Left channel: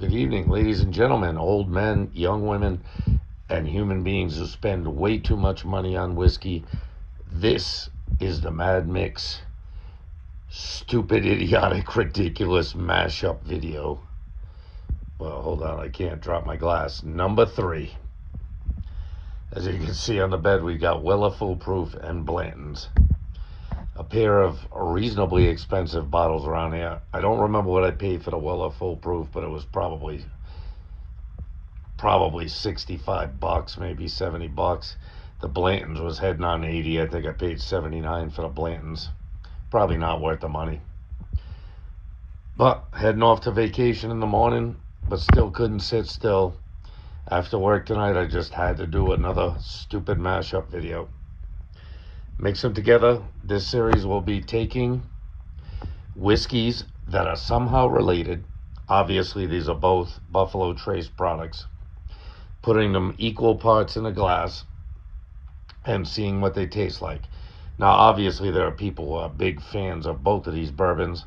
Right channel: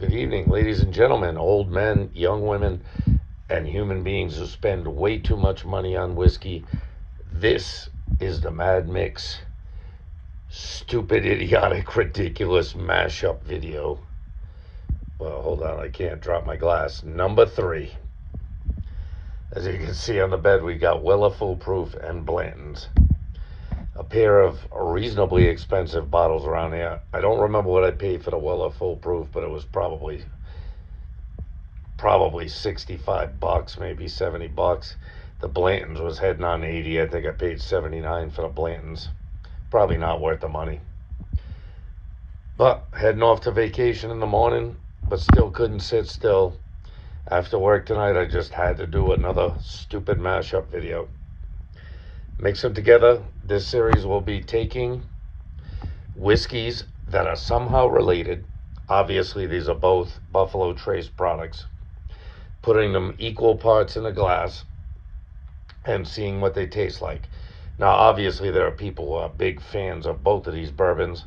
Good evening, ladies and gentlemen, old men, young women, and human beings who spend way too much money on whiskey. This is the Mad Mix stupid, idiotic, ridiculous mashup video. Well, hold on, I can't drop my glass. Number 3. As you can see on the bed, we got Weller Foolproof and Blantons. A pair of reasonably expensive bottles around here. I don't remember what I paid for the Weller Foolproof, but it was probably 65 bucks, maybe 70 bucks. The Blantons was heading on 80. I think I paid 79 for the Blantons. Probably not worth the money. But heading off to vacation in the morning, but still couldn't sit still. After work tonight, I just had to do another stupid mashup video. Mix them together. This series will be taking whiskeys that are somehow related. Obviously, these are both Buffalo Trace products. Putting them equal parts in a glass and seeing what they taste like. Now, obviously, there are people who are big fans of both of these bourbons.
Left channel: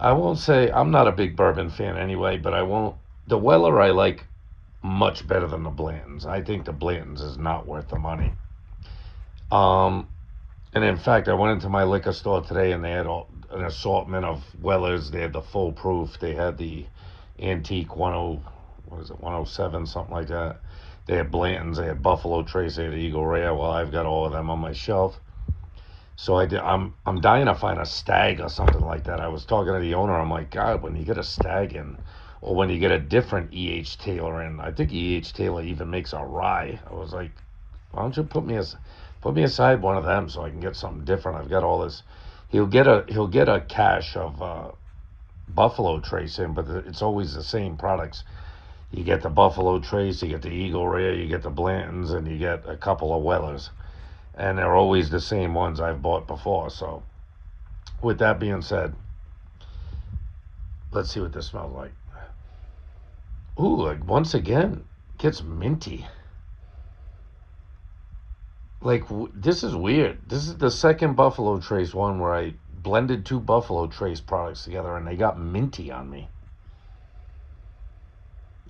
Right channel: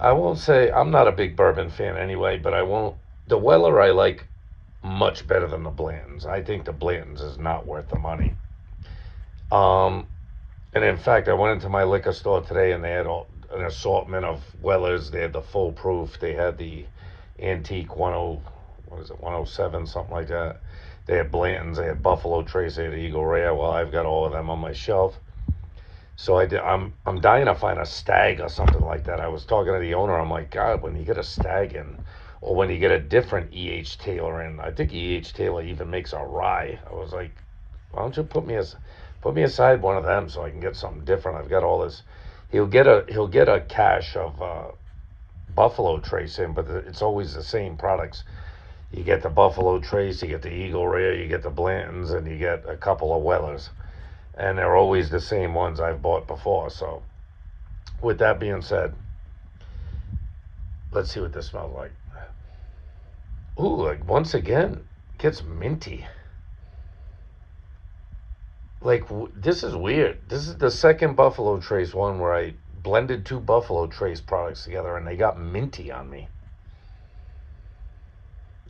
I won't say I'm not a big bourbon fan anyway, but I won't. The Weller I like much better than the Blantons. I think the Blantons is not worth the money. Um, and in fact, I went into my liquor store today and they had an assortment of Wellers. They had the full proof. They had the antique 107, something like that. They had Blantons. They had Buffalo Trace. They had Eagle Rare. Well, I've got all of them on my shelf. So I'm dying to find a stag or something like that. I was talking to the owner. I'm like, God, when you get a stag in, or when you get a different E.H. Taylor in, I think E.H. Taylor even makes a rye. I was like, why don't you put me aside one of them so I can get something different? I've got all this. He'll get a cache of Buffalo Trace in, but it's always the same products. You get the Buffalo Trace, you get the Eagle Rare, you get the Blantons, and you get a couple of Wellers, and they're always the same ones I've bought before. So, with that being said, let's see what this smells like. Ooh, once again, gets minty. Like, this is weird. This is the second Buffalo Trace one where I blended two Buffalo Trace products together and they got minty on me.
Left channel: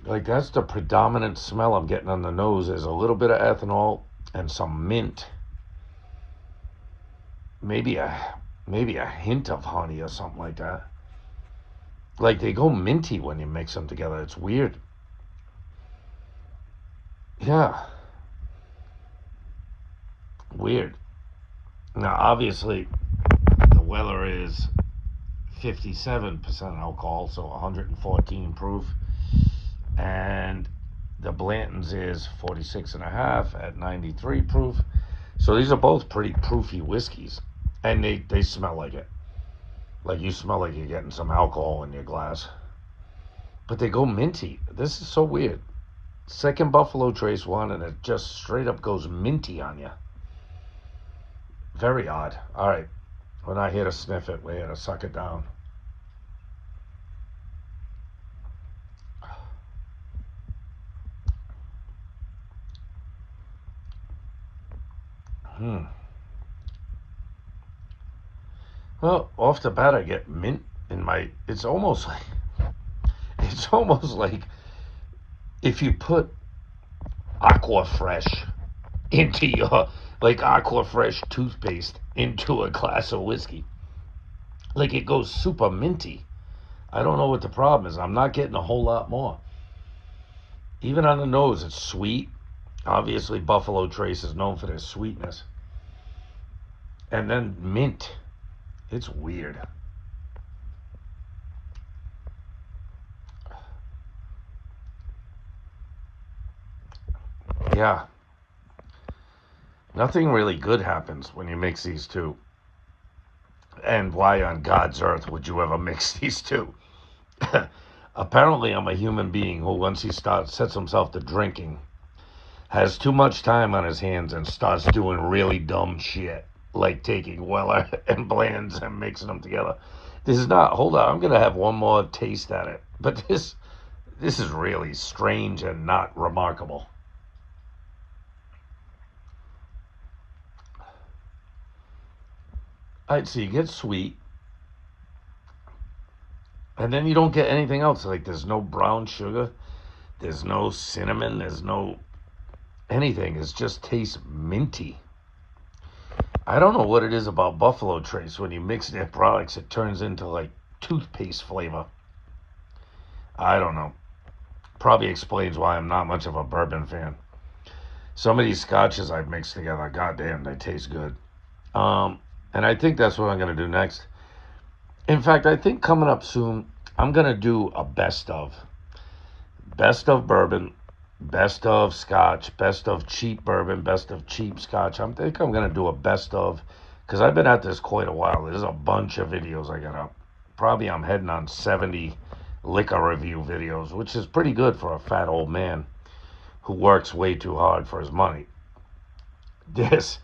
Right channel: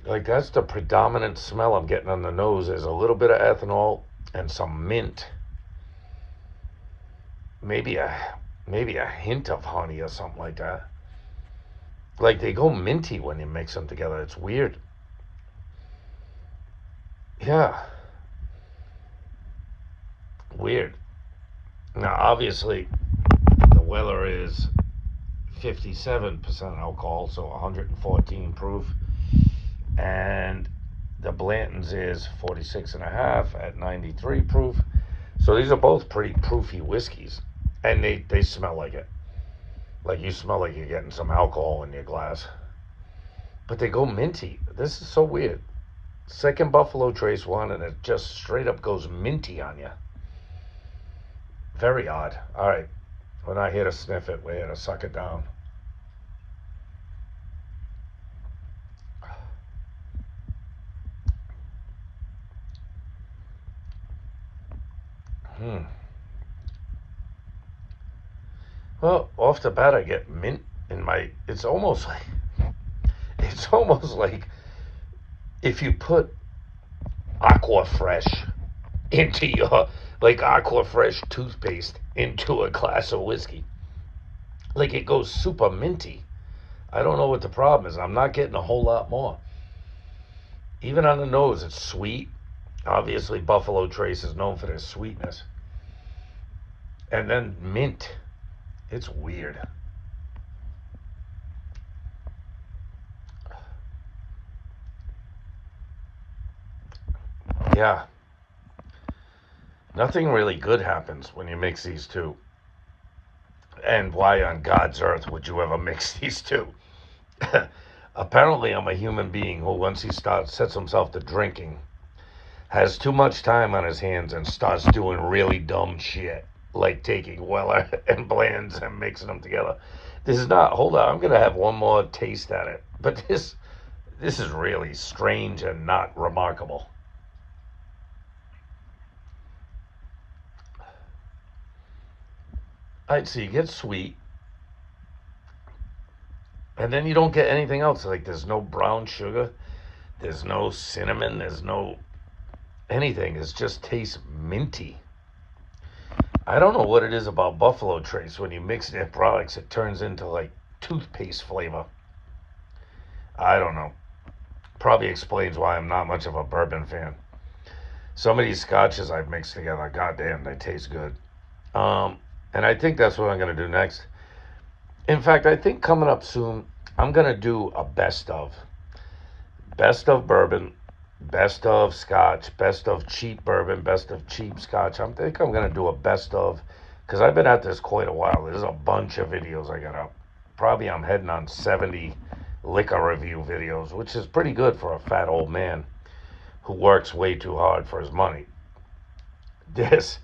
Like, that's the predominant smell I'm getting on the nose. There's a little bit of ethanol and some mint. Maybe a hint of honey or something like that. Like, they go minty when you mix them together. It's weird. Yeah, weird. Now, obviously, the Weller is 57% alcohol, so 114 proof. And the Blantons is 46 and a half at 93 proof. So these are both pretty proofy whiskeys. And they smell like it. Like you smell like you're getting some alcohol in your glass. But they go minty. This is so weird. Second Buffalo Trace one, and it just straight up goes minty on you. Very odd. All right. We're not here to sniff it. We're here to suck it down. Hmm. Well, off the bat, I get mint in my. It's almost like if you put Aqua Fresh into your like Aqua Fresh toothpaste into a glass of whiskey. Like it goes super minty. I don't know what the problem is. I'm not getting a whole lot more. Even on the nose, it's sweet. Obviously, Buffalo Trace is known for their sweetness. And then mint. It's weird. Yeah. Nothing really good happens when you mix these two. And why on God's earth would you ever mix these two? Apparently, I'm a human being who, once he sets himself to drinking, has too much time on his hands and starts doing really dumb shit, like taking Weller and Blands and mixing them together. This is not. Hold on, I'm gonna have one more taste at it. But this is really strange and not remarkable. All right, so you get sweet, And then you don't get anything else. Like there's no brown sugar, there's no cinnamon, there's no anything. It just tastes minty. I don't know what it is about Buffalo Trace. When you mix their products, it turns into like toothpaste flavor. I don't know. Probably explains why I'm not much of a bourbon fan. Some of these scotches I've mixed together, goddamn, they taste good. And I think that's what I'm going to do next. In fact, I think coming up soon, I'm going to do a best of. Best of bourbon, best of scotch, best of cheap bourbon, best of cheap scotch. I think I'm going to do a best of, because I've been at this quite a while. There's a bunch of videos I got up. Probably I'm heading on 70 liquor review videos, which is pretty good for a fat old man who works way too hard for his money. This,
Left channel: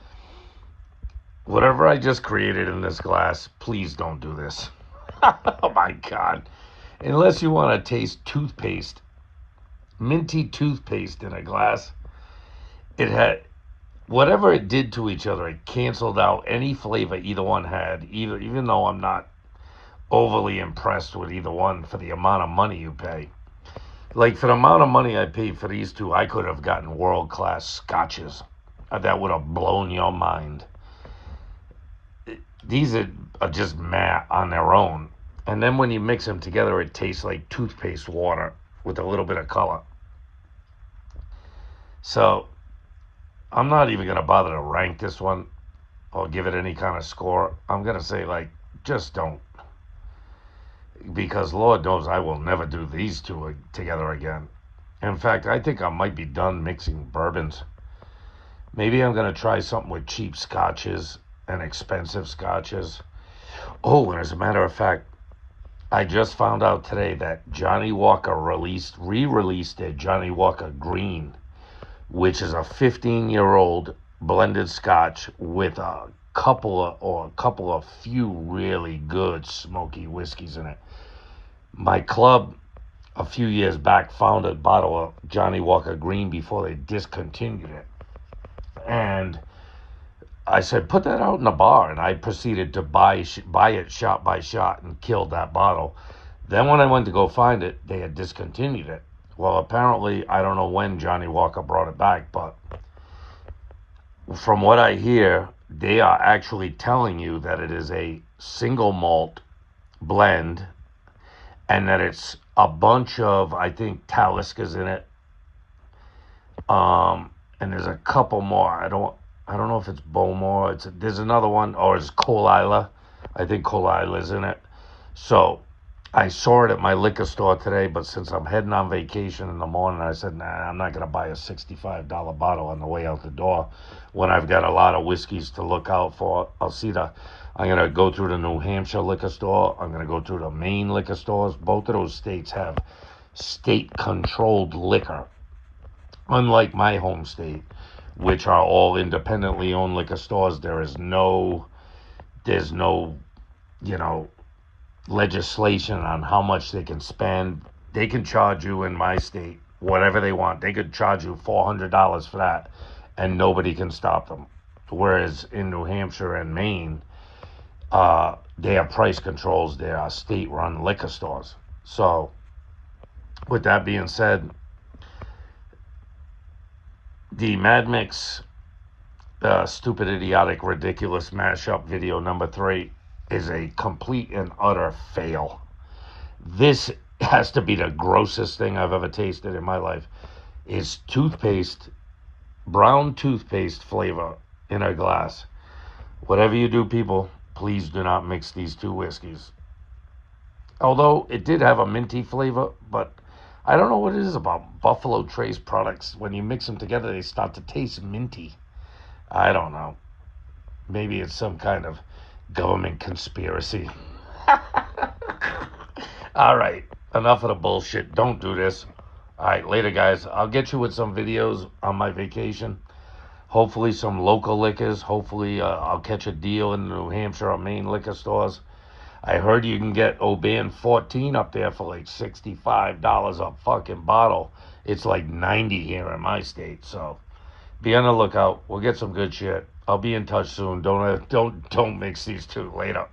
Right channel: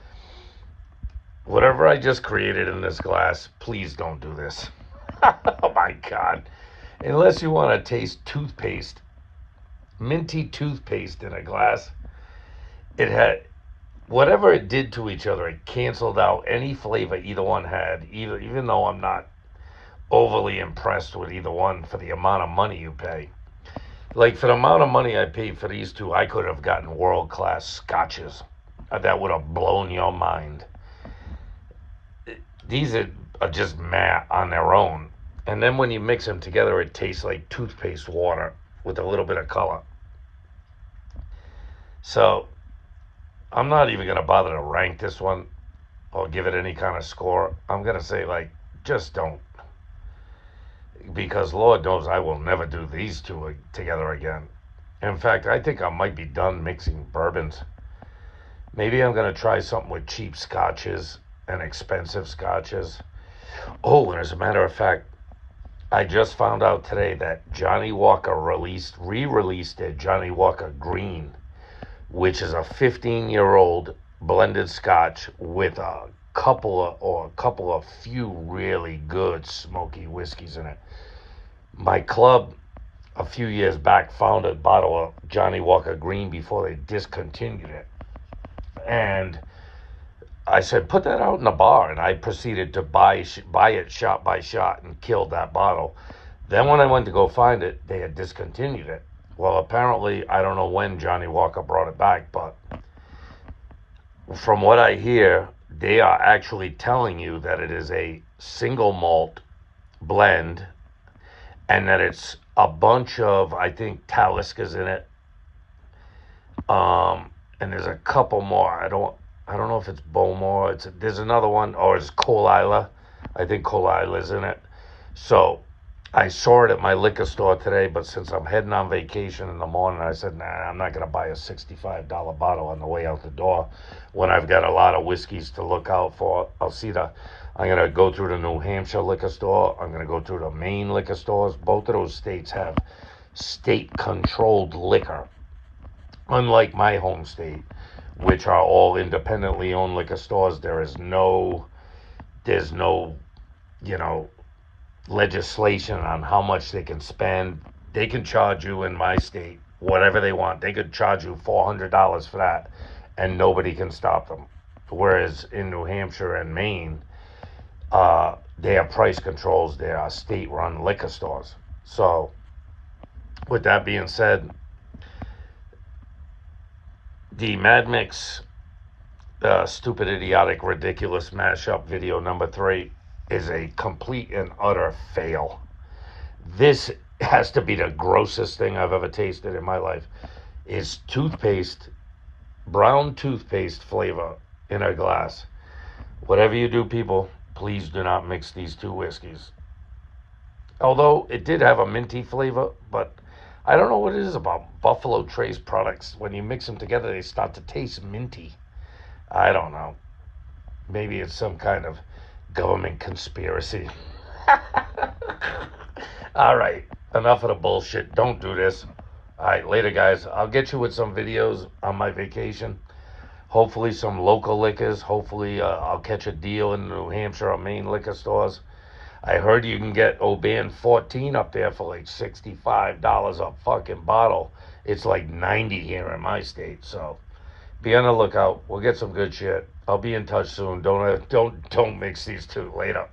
whatever I just created in this glass, please don't do this. Oh my God. Unless you want to taste toothpaste, minty toothpaste in a glass, it had, whatever it did to each other, it canceled out any flavor either one had, even though I'm not overly impressed with either one for the amount of money you pay. Like for the amount of money I paid for these two, I could have gotten world-class scotches that would have blown your mind. These are just matte on their own. And then when you mix them together, it tastes like toothpaste water with a little bit of color. So I'm not even going to bother to rank this one or give it any kind of score. I'm going to say, like, just don't. Because Lord knows I will never do these two together again. In fact, I think I might be done mixing bourbons. Maybe I'm going to try something with cheap scotches and expensive scotches. Oh, and as a matter of fact, I just found out today that Johnny Walker re-released a Johnny Walker Green, which is a 15-year-old blended scotch with a couple of few really good smoky whiskeys in it. My club a few years back found a bottle of Johnny Walker Green before they discontinued it. And I said, put that out in the bar. And I proceeded to buy it shot by shot and killed that bottle. Then when I went to go find it, they had discontinued it. Well, apparently, I don't know when Johnny Walker brought it back, but from what I hear, they are actually telling you that it is a single malt blend and that it's a bunch of, I think, Taliscas in it. And there's a couple more. I don't know if it's Bowmore. There's another one, or it's Colila. I think Colila's in it. So I saw it at my liquor store today, but since I'm heading on vacation in the morning, I said, nah, I'm not going to buy a $65 bottle on the way out the door when I've got a lot of whiskeys to look out for. I'm going to go through the New Hampshire liquor store. I'm going to go through the Maine liquor stores. Both of those states have state-controlled liquor, unlike my home state, which are all independently owned liquor stores. There's no, legislation on how much they can spend. They can charge you in my state whatever they want. They could charge you $400 for that, and nobody can stop them. Whereas in New Hampshire and Maine, they have price controls. They are state-run liquor stores. So, with that being said, the Mad Mix Stupid, Idiotic, Ridiculous Mashup video number 3 is a complete and utter fail. This has to be the grossest thing I've ever tasted in my life. It's toothpaste, brown toothpaste flavor in a glass. Whatever you do, people, please do not mix these two whiskeys. Although it did have a minty flavor, but I don't know what it is about Buffalo Trace products. When you mix them together, they start to taste minty. I don't know. Maybe it's some kind of government conspiracy. All right, enough of the bullshit. Don't do this. All right, later, guys. I'll get you with some videos on my vacation. Hopefully some local liquors. Hopefully I'll catch a deal in New Hampshire or Maine liquor stores. I heard you can get Oban 14 up there for like $65 a fucking bottle. It's like 90 here in my state. So be on the lookout. We'll get some good shit. I'll be in touch soon. Don't mix these two. Later.